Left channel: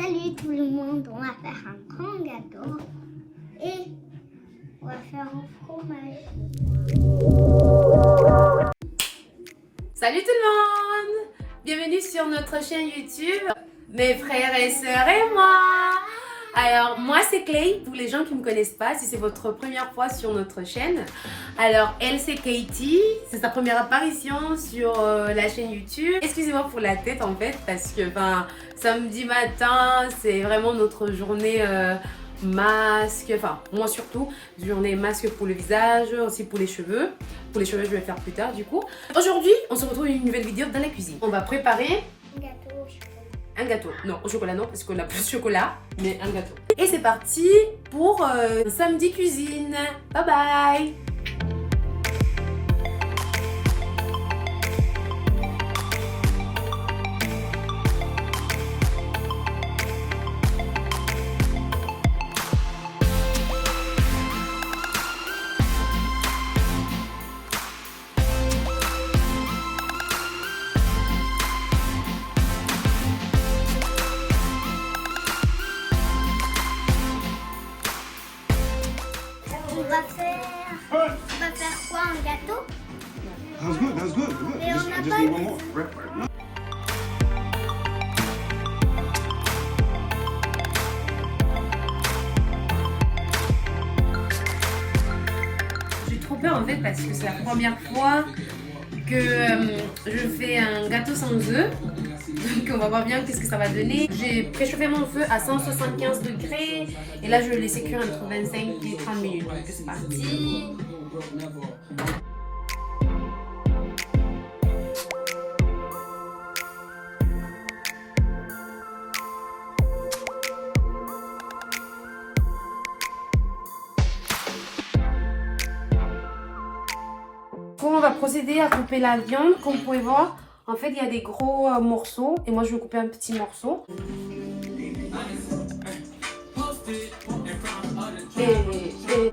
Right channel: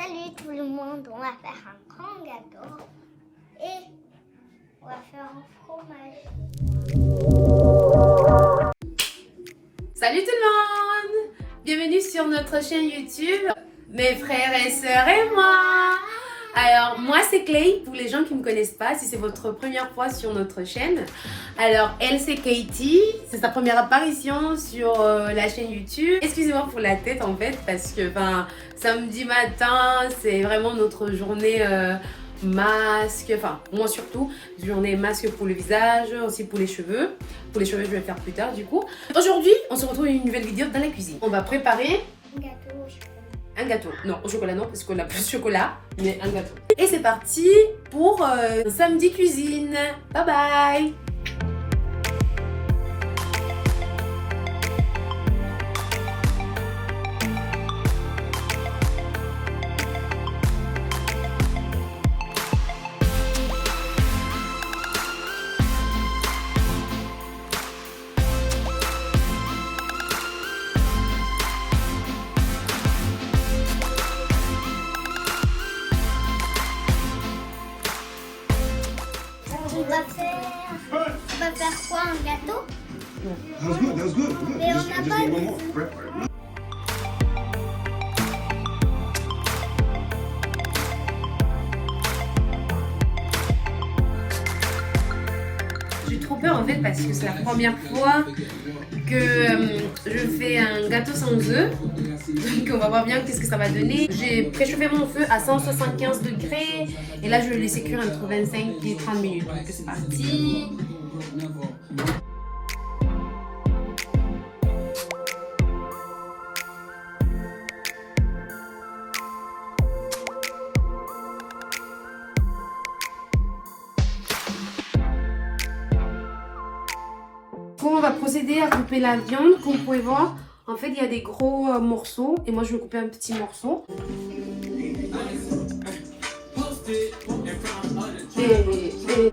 Salut tout le monde, on va faire un grand gâteau et on va faire un fromage. Salut tout le monde! Bienvenue sur notre chaîne YouTube, mes frères et sœurs et moi! Alors, moi c'est Clay, pour les gens qui ne me connaissent pas, si c'est votre première fois sur notre chaîne. Alors, elle c'est Katie, c'est sa première apparition sur la chaîne YouTube. Excusez-moi pour la tête en fait, parce que samedi matin, c'est vraiment notre journée masque, moi surtout, journée masque pour le visage, aussi pour les cheveux. Pour les cheveux, je vais faire plus tard du coup. Aujourd'hui, on se retrouve dans une nouvelle vidéo dans la cuisine. On va préparer Un gâteau au chocolat. un gâteau. Non, au chocolat non, parce qu'on n'a plus de chocolat, mais un gâteau. Et c'est parti pour samedi cuisine. Bye bye! On va faire quoi, un gâteau? That was good. That was good. Mais on n'a pas need one de- more. J'ai trop peur en fait parce que c'est la première fois que je fais un gâteau sans œufs. Donc on va voir bien qu'est-ce que ça va donner. J'ai préchauffé mon feu à 175 degrés et là je vais le laisser cuire entre 25 et 30 minutes. Donc c'est parti. On va procéder à couper la viande. Comme vous pouvez voir, en fait, il y a des gros morceaux et moi je vais couper un petit morceau. Et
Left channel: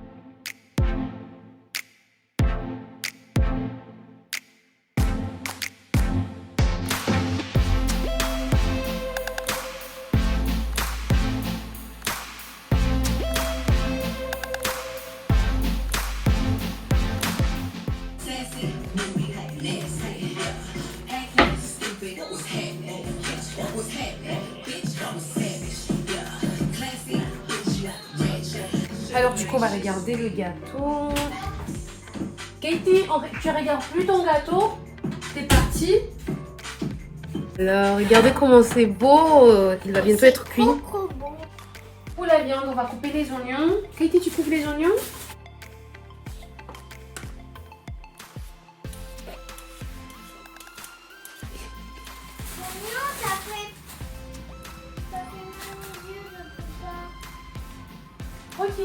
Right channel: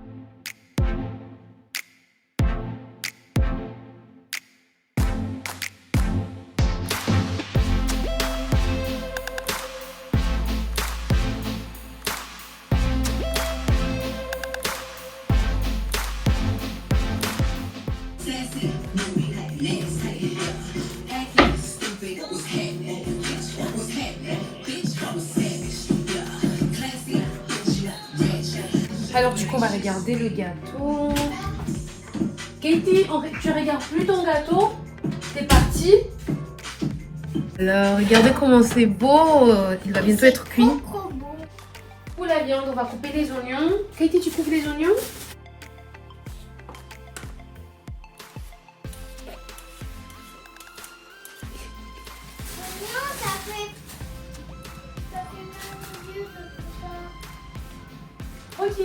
alors du coup on va regarder le gâteau. Katie, tu regardes plus ton gâteau. C'est parti. Alors regardez comment c'est beau. Il va bientôt être cuit. Trop bon. Pour la viande, on va couper les oignons. Katie, tu coupes les oignons? Non, ça fait mon Dieu, je peux pas. Ok.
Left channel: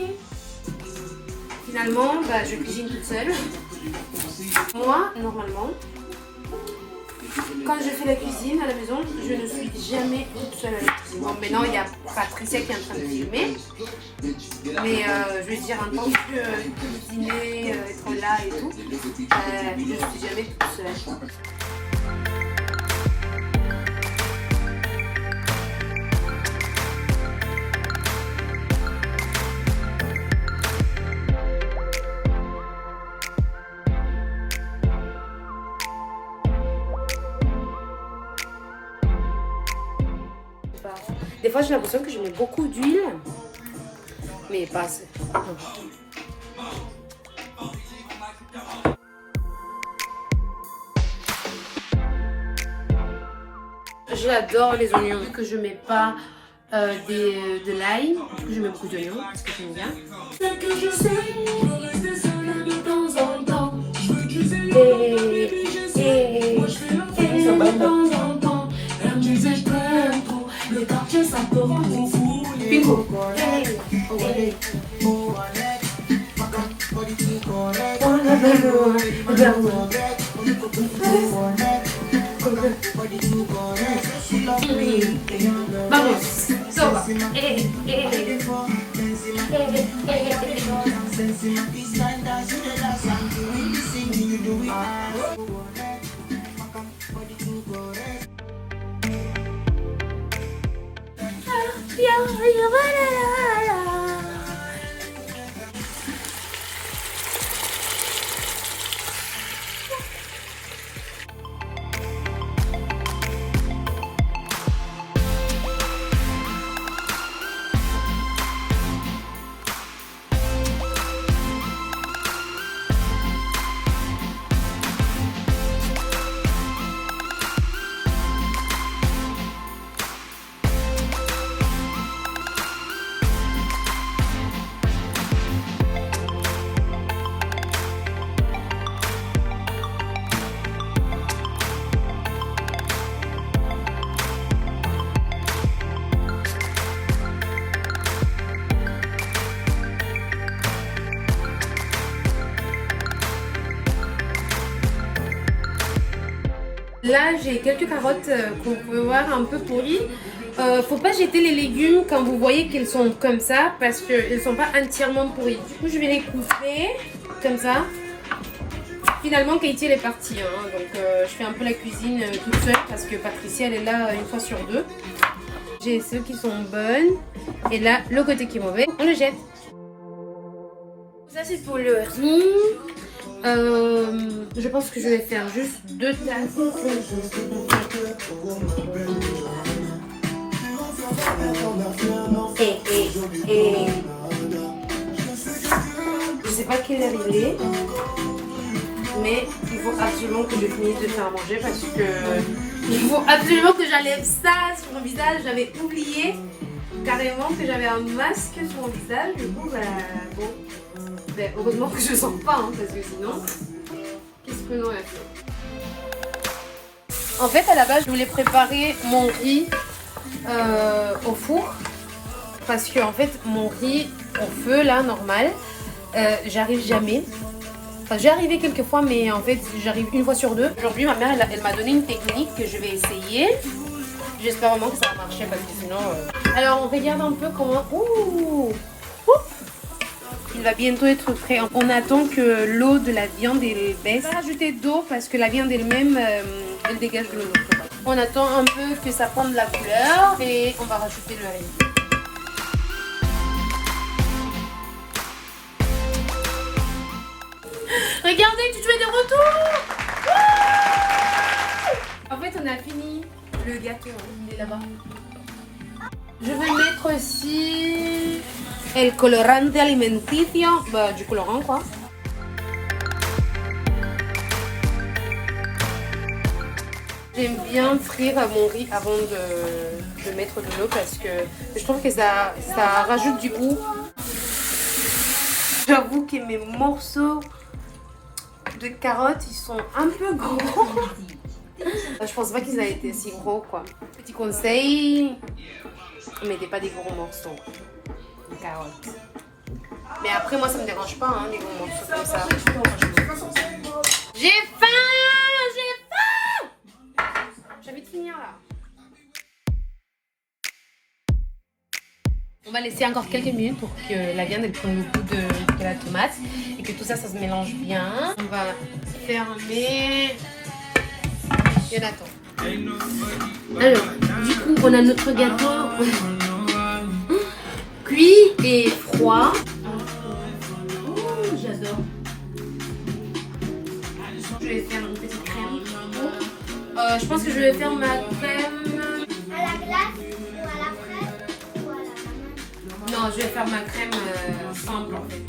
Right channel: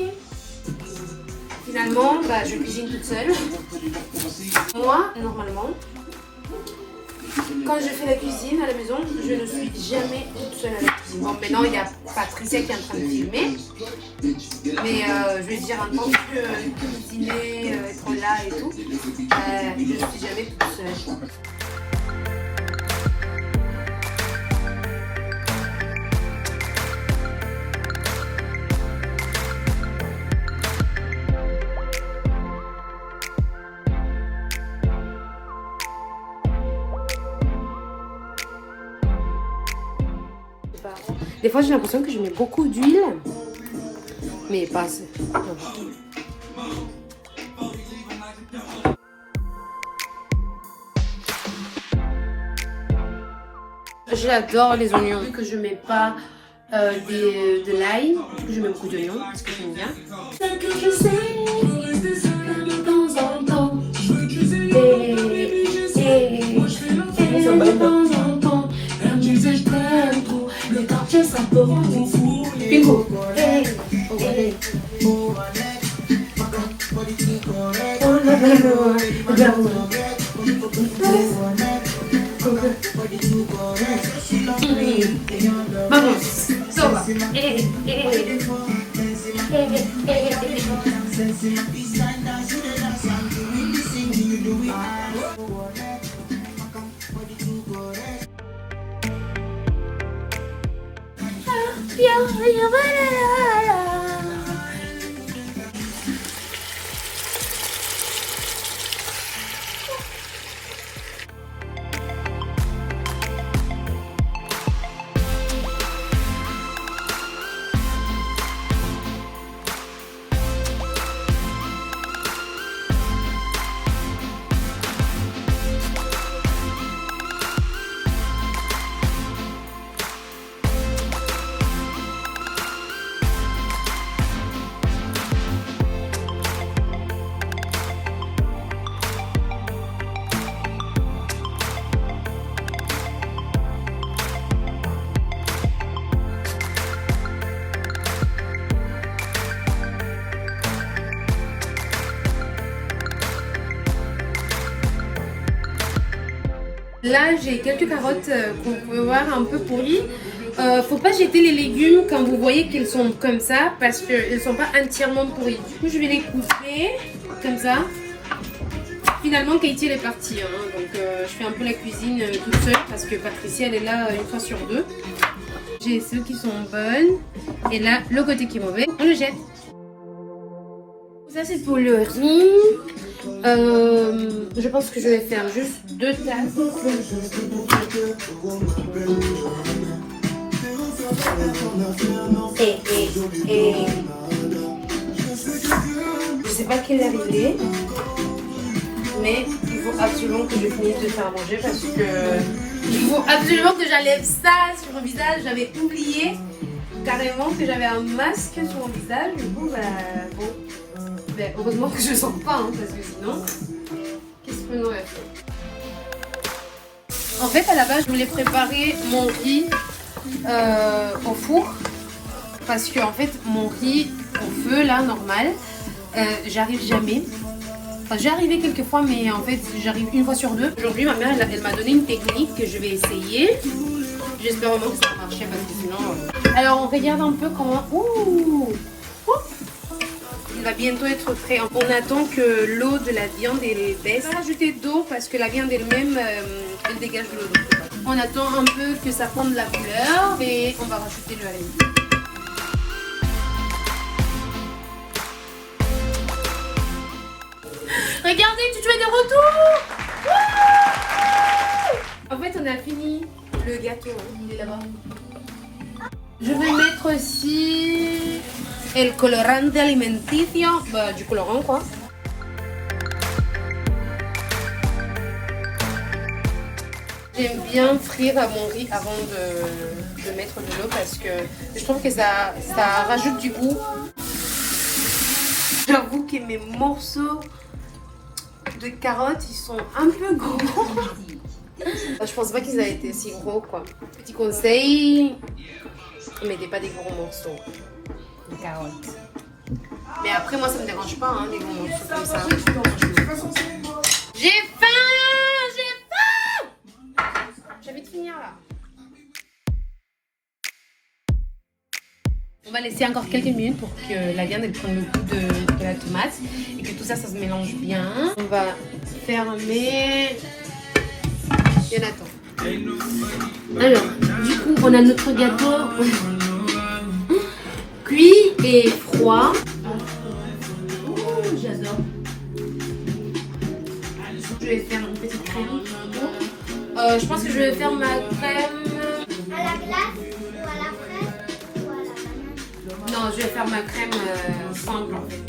Finalement, je cuisine toute seule. Moi, normalement, quand je fais la cuisine à la maison, je ne suis jamais toute seule à la cuisine. Bon, maintenant, il y a Patricia qui est en train de filmer. Mais je veux dire, en tant que cuisiner, être là et tout, je ne suis jamais toute seule. Des fois, j'ai l'impression que je mets beaucoup d'huile, mais pas assez. J'adore les oignons, vu que je mets pas de l'ail, du coup je mets beaucoup d'oignons parce que j'aime bien. Ce que je sais, de temps en temps, de temps en temps, la musique tempo, le quartier ça tombe fou. Pico. Vamos, soba. Là, j'ai quelques carottes qu'on peut voir un peu pourries. Faut pas jeter les légumes quand vous voyez qu'ils sont comme ça parce qu'ils sont pas entièrement pourris. Du coup, je vais les couper comme ça. Finalement, Katie elle est partie, hein, donc je fais un peu la cuisine toute seule parce que Patricia elle est là une fois sur deux. J'ai celles qui sont bonnes et là, le côté qui est mauvais, on le jette. Ça c'est pour le riz. Je pense que je vais faire juste 2 tasses. Je sais pas quelle heure il est, mais il faut absolument que je finisse de faire manger parce que il faut absolument que j'enlève ça sur mon visage. J'avais oublié carrément que j'avais un masque sur mon visage. Du coup, bon. Ben, heureusement que je ne sens pas, hein, parce que sinon, qu'est-ce que nous a fait? En fait, à la base, je voulais préparer mon riz au four. Parce que, en fait, mon riz au feu, là, normal, j'arrive jamais. Enfin, j'ai arrivé quelques fois, mais en fait, j'arrive une fois sur deux. Aujourd'hui, ma mère, elle m'a donné une technique que je vais essayer. J'espère vraiment que ça va marcher, parce que sinon... Alors, on regarde un peu comment... Ouh! Il va bientôt être prêt. On attend que l'eau de la viande elle baisse. On va rajouter d'eau parce que la viande elle-même elle dégage de l'eau. On attend un peu que ça prenne la couleur et on va rajouter le riz. Regardez, tu es de retour. En fait, on a fini le gâteau. Il est là-bas. Je vais mettre aussi el colorante alimenticio, bah, du colorant quoi. J'aime bien frire mon riz avant de mettre de l'eau parce que je trouve que ça rajoute du goût. J'avoue que mes morceaux de carottes ils sont un peu gros. Je pense pas qu'ils aient été si gros quoi. Petit conseil, ne mettez pas des gros morceaux de carottes. Mais après moi ça me dérange pas hein, les gros morceaux comme ça. J'ai faim! J'ai faim! J'ai envie de finir là. On va laisser encore quelques minutes pour que la viande elle prenne le goût de la tomate et que tout ça se mélange bien. On va fermer. Alors, du coup, on a notre gâteau cuit et froid. Oh, j'adore. Je vais faire une petite crème. Je pense que je vais faire ma crème. À la glace ou à la fraise ou à la banane? Non, je vais faire ma crème simple en fait.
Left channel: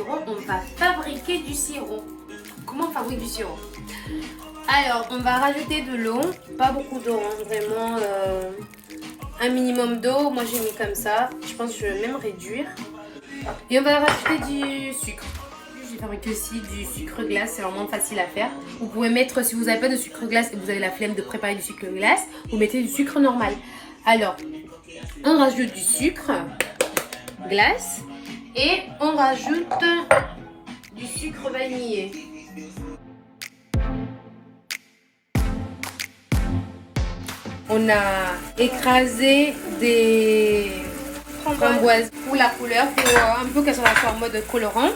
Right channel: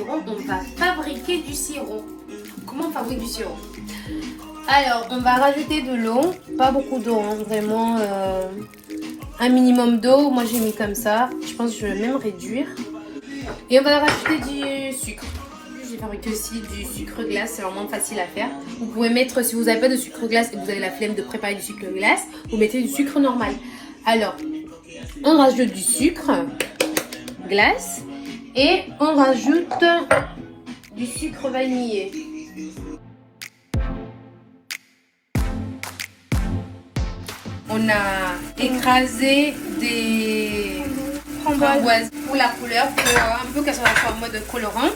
sirop, on va fabriquer du sirop. Comment on fabrique du sirop? Alors, on va rajouter de l'eau, pas beaucoup d'eau, hein, vraiment un minimum d'eau. Moi, j'ai mis comme ça. Je pense que je vais même réduire. Et on va rajouter du sucre. J'ai fabriqué aussi du sucre glace, c'est vraiment facile à faire. Vous pouvez mettre, si vous n'avez pas de sucre glace et que vous avez la flemme de préparer du sucre glace, vous mettez du sucre normal. Alors, on rajoute du sucre glace et on rajoute du sucre vanillé. On a écrasé des framboises pour la couleur, pour un peu qu'elles soient en mode colorant.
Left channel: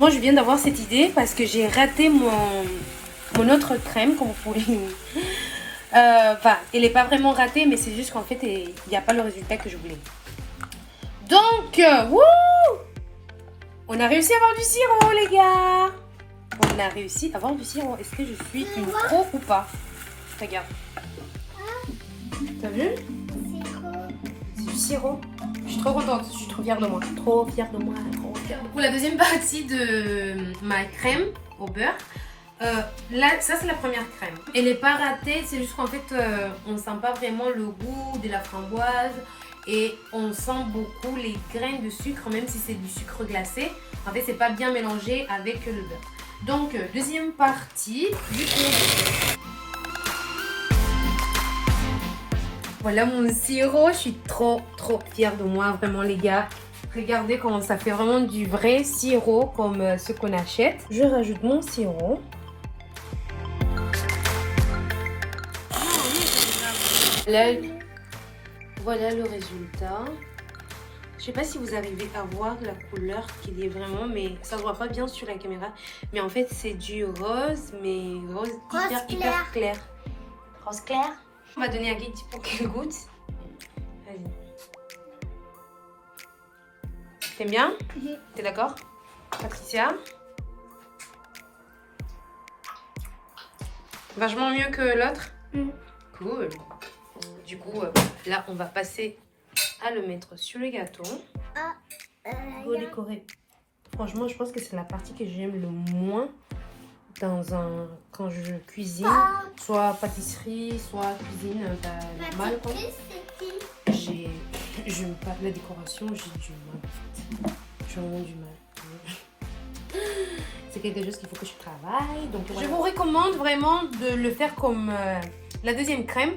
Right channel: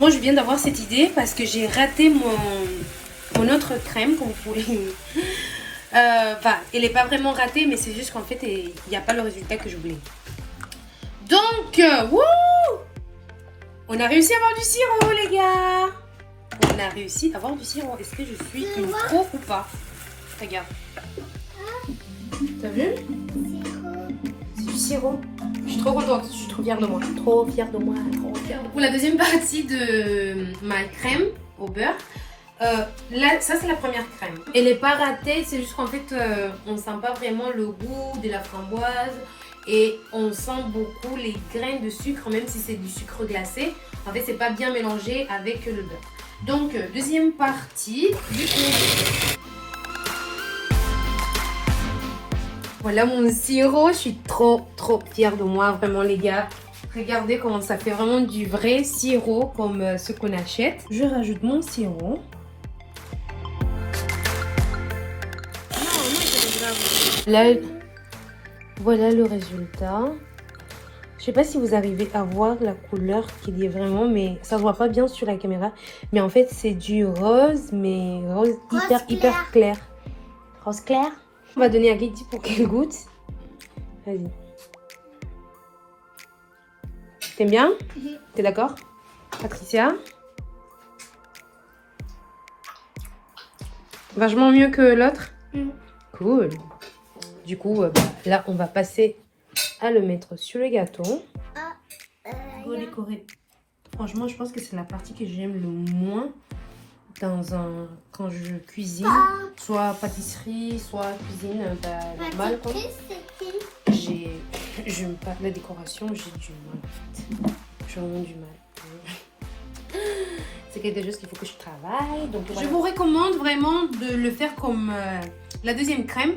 Moi, je viens d'avoir cette idée parce que j'ai raté mon autre crème, comme vous pouvez. Enfin, elle n'est pas vraiment ratée, mais c'est juste qu'en fait, il n'y a pas le résultat que je voulais. Donc, wouh! On a réussi à avoir du sirop, les gars! On a réussi à avoir du sirop. Est-ce que je suis une pro ou pas? Regarde. T'as vu? C'est du sirop. Je suis trop contente, je suis trop fière de moi. Trop fière de moi, trop fière de moi. Pour la deuxième partie de ma crème au beurre, là, ça c'est la première crème. Elle n'est pas ratée, c'est juste qu'en fait, on sent pas vraiment le goût de la framboise et on sent beaucoup les grains de sucre, même si c'est du sucre glacé. En fait, c'est pas bien mélangé avec le beurre. Donc, deuxième partie du coup. Voilà mon sirop, je suis trop fière de moi, vraiment les gars. Regardez comment ça fait vraiment du vrai sirop comme ce qu'on achète. Je rajoute mon sirop. Là, voilà le résultat. Je sais pas si vous arrivez à voir la couleur qu'il y a vraiment, mais ça se voit pas bien sur la caméra. Mais en fait, c'est du rose, mais rose hyper clair. Rose clair. On va donner à Lydie pour qu'elle goûte. Vas-y. T'aimes bien? T'es d'accord? Patricia? Vachement mieux que l'autre? Cool. Du coup, là, on va passer à le mettre sur le gâteau. On va décorer. Franchement, je pense que c'est la partie que j'aime le moins quand je cuisine, soit pâtisserie, soit cuisine normale. J'aime pas la décoration, j'ai du mal en fait. J'ai vraiment du mal. C'est quelque chose qu'il faut que je travaille. Donc, voilà. Je vous recommande vraiment de le faire comme la deuxième crème.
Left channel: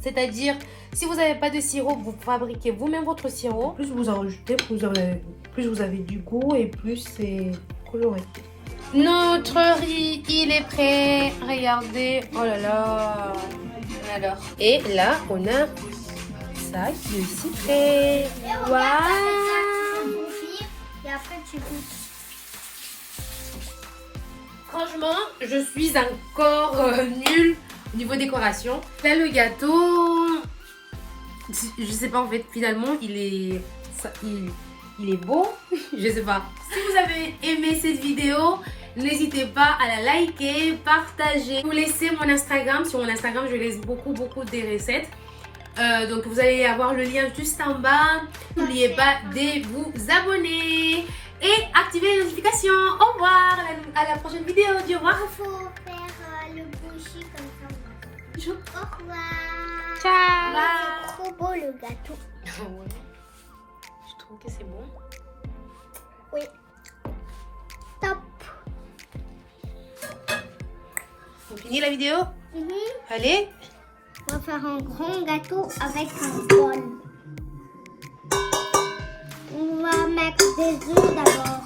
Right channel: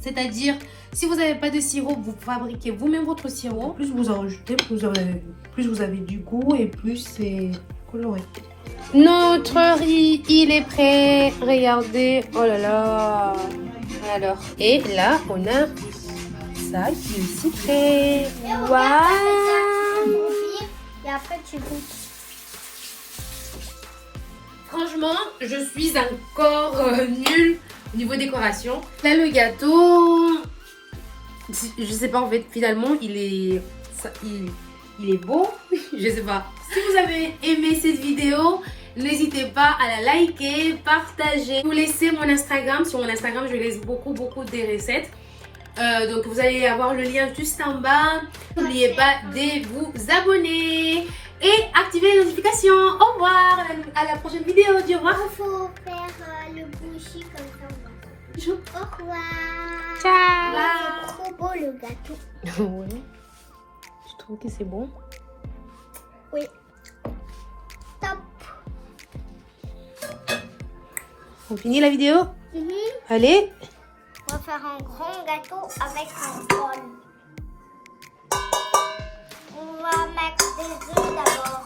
C'est-à-dire, si vous n'avez pas de sirop, vous fabriquez vous-même votre sirop. Plus vous en rajoutez, plus vous avez du goût et plus c'est coloré. Notre riz, il est prêt. Regardez. Oh là là. Alors. Et là, on a ça qui est aussi prêt. Waouh. Franchement, je suis encore nulle au niveau décoration. Là, le gâteau, je sais pas en fait, finalement, il est beau. Je sais pas. Si vous avez aimé cette vidéo, n'hésitez pas à la liker, partager. Vous laissez mon Instagram. Sur mon Instagram, je laisse beaucoup des recettes. Donc vous allez avoir le lien juste en bas. N'oubliez pas de vous abonner et activer les notifications. Au revoir, à la prochaine vidéo. Au revoir. Il faut faire le bouchis comme ça. Au revoir. Ciao. C'est trop beau le gâteau. Ouais. Je trouve que c'est bon. Oui. Top. On finit la vidéo? Allez. On va faire un grand gâteau avec un bol. On va mettre des œufs d'abord.